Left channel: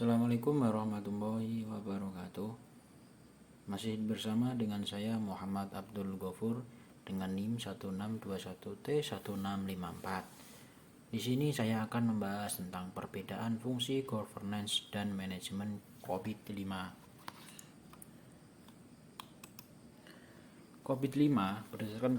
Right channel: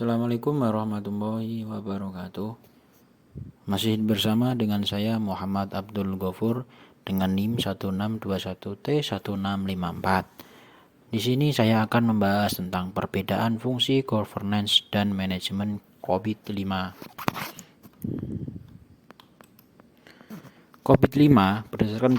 Assalamualaikum warahmatullahi wabarakatuh. Masih bersama dengan saya Muhammad Abdul Ghafur dengan NIM 1621T1654. Di sini saya akan membahas tentang perbedaan fungsi governance dan manajemen COVID-5. COVID-5 berdasarkan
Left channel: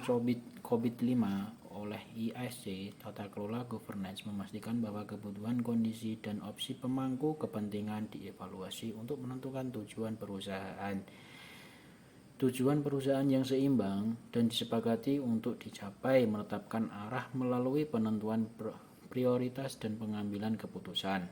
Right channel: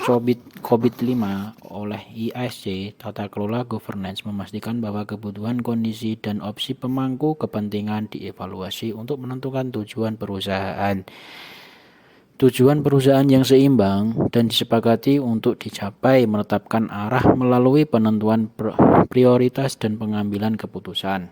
COVID-5 oleh IASC, tata kelola governance memastikan bahwa kebutuhan, kondisi, dan opsi pemangku kepentingan dievaluasi untuk menentukan tujuan perusahaan. Tujuan perusahaan yang seimbang dan disepakati untuk dicapai, menetapkan arah melalui penentuan prioritas dan pengambilan keputusan,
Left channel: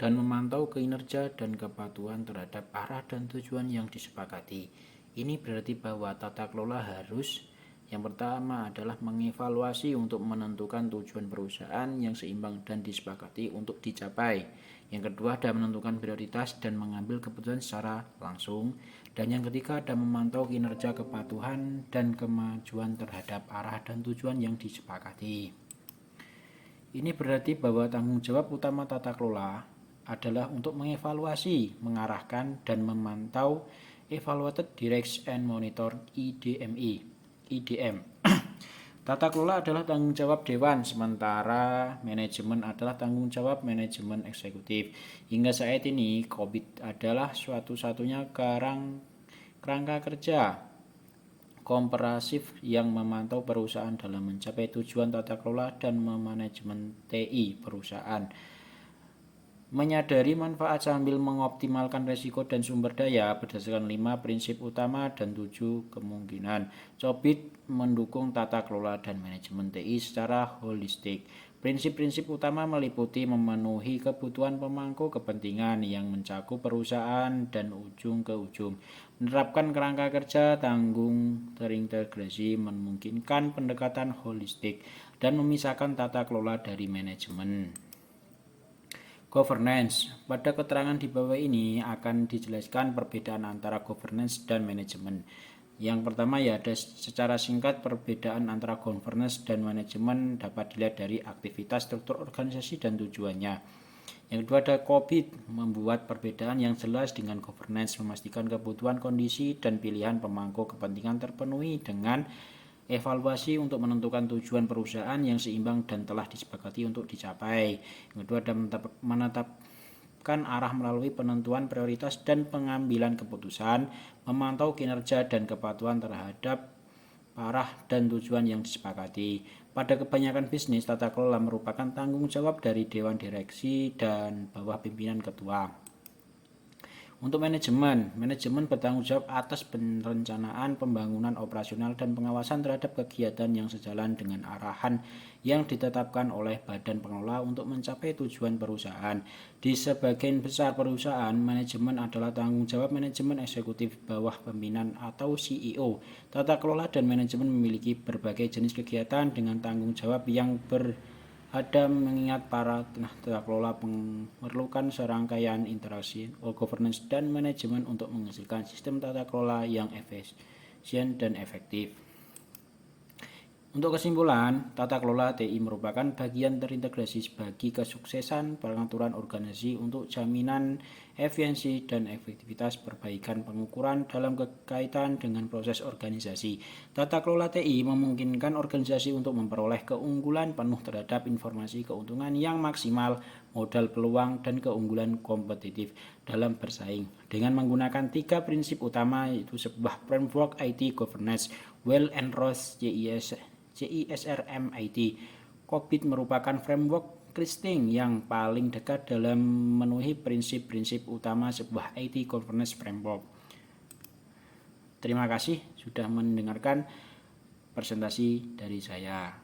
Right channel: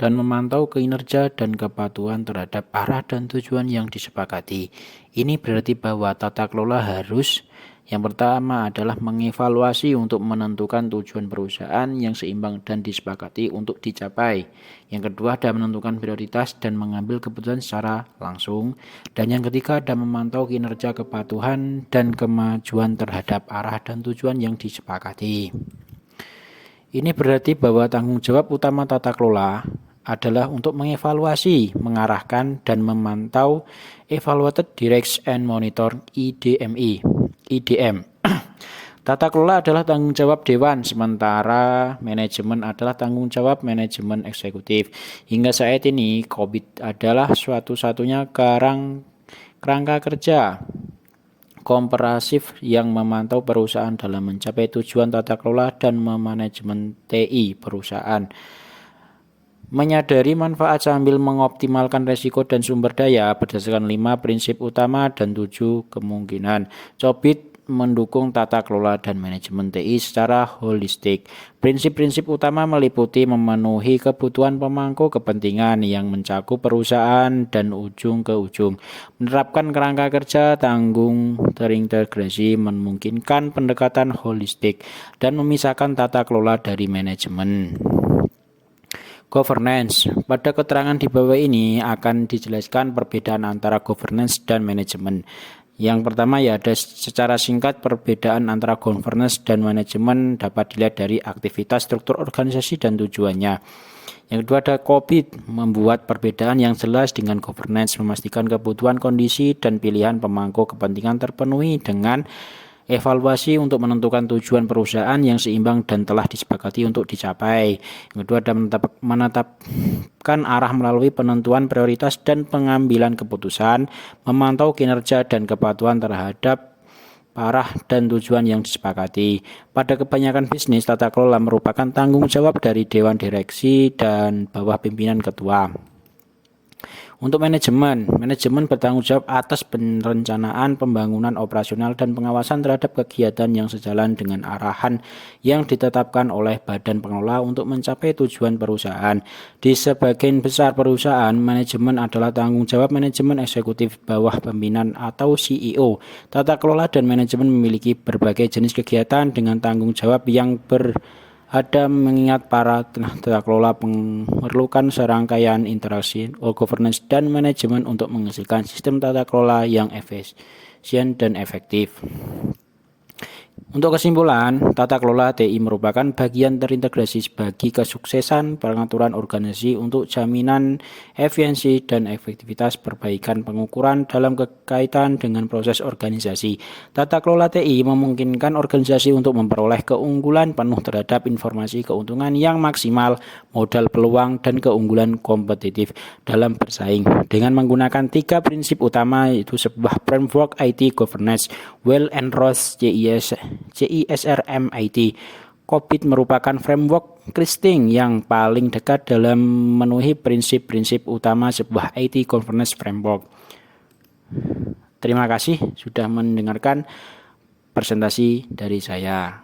dan memantau kinerja dan kepatuhan terhadap arah dan tujuan yang disepakati. Ini berarti bahwa tata kelola harus yang pertama adalah mengevaluasi untuk menentukan tujuan perusahaan yang seimbang dan disepakati untuk dicapai. Yang kedua adalah menentukan prioritas dan mengambil keputusan secara langsung. Dan yang ketiga adalah memantau kinerja, kepatuhan, dan kemajuan terhadap arah dan tujuan yang disepakati. Ini berarti bahwa tanggung jawab utama tata kelola adalah untuk mengevaluasi, mengarahkan, dan memantau Evaluated Directs and Monitor IDM. Tata kelola adalah tanggung jawab dewan, sementara manajemen adalah tanggung jawab manajemen eksekutif. Hingga saat ini, COVID adalah suatu-satunya kerangka kerja komprehensif yang memantau perusahaan dalam mencapai tujuan tata kelola dan memanajemen TI perusahaan. Menyadari manfaat sambil mengoptimalkan resiko dan sumber daya berdasarkan 5 prinsip utama dan 7 kemungkinan. COVID mendukung tata kelola dan manajemen TI secara holistik. Prinsip-prinsip utama meliputi memenuhi kebutuhan pemangku kepentingan yang mencakup perusahaan dan ujung ke ujung, menerapkan kerangka kerja tanggung terintegrasi, memungkinkan pendekatan holistik, dan memisahkan tata kelola dari manajemen. Governance. Pada keterangan di bawah ini akan dijelaskan perbedaan antara governance dan manajemen. Yang pertama ya ada secara singkat perbedaan antara governance dan manajemen dapat dilihat dari aktivitas, struktur organisasi, dan tujuannya. Yang kedua ada COVID membuat perbedaan yang jelas dengan governance, memastikan kebutuhan, kondisi, dan pilihan pemangku kepentingan terpenuhi dengan evaluasi untuk menentukan tujuan perusahaan yang seimbang dan telah disepakati untuk dicapai. Yang kedua adalah menetapkan arah melalui penentuan prioritas dan pengambilan keputusan, memantau kinerja dan kepatuhan terhadap arah dan tujuan yang disepakati. Pada kebanyakan bisnis, tata kelola merupakan tanggung jawab dari dewan direksi dan bawah pimpinan ketua. Untuk manajemen bertanggung jawab atas perencanaan, pembangunan operasional, dan pengawasan terhadap kegiatan yang sejalan dengan arahan yang ditetapkan oleh badan pengelola untuk mencapai tujuan perusahaan. Di sebagian besar perusahaan, manajemen adalah tanggung jawab manajemen eksekutif bawah pimpinan atau CEO. Tata kelola dan manajemen memiliki berbagai jenis kegiatan dengan tanggung jawab yang ada mengingat para tata kelola memerlukan serangkaian interaksi governance dan manajemen untuk menghasilkan sistem tata kelola yang efisien dan efektif. Untuk kesimpulan, tata kelola TI merupakan bagian terintegrasi bagi kesuksesan pengaturan organisasi untuk jaminan efisiensi dan efektivitas perbaikan pengukuran dalam kaitan dengan proses organisasi. Tata kelola TI memungkinkan organisasi untuk memperoleh keunggulan penuh terhadap informasi keuntungan yang maksimal, modal peluang, dan keunggulan kompetitif dalam bersaing dengan menggunakan 3 prinsip utama, yaitu sebuah framework IT governance, well-endorsed CISR MIT. COVID merupakan framework Christing yang paling dekat dalam memenuhi prinsip-prinsip utama sebuah IT governance framework. Terima kasih sudah mendengarkan presentasi dari saya.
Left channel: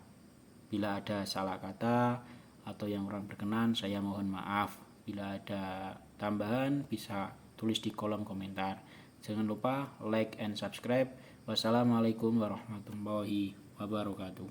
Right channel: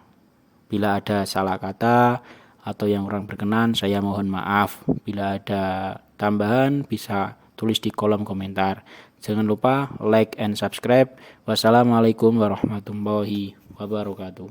Bila ada salah kata atau yang kurang berkenan, saya mohon maaf. Bila ada tambahan bisa tulis di kolom komentar. Jangan lupa like and subscribe. Wassalamualaikum warahmatullahi wabarakatuh.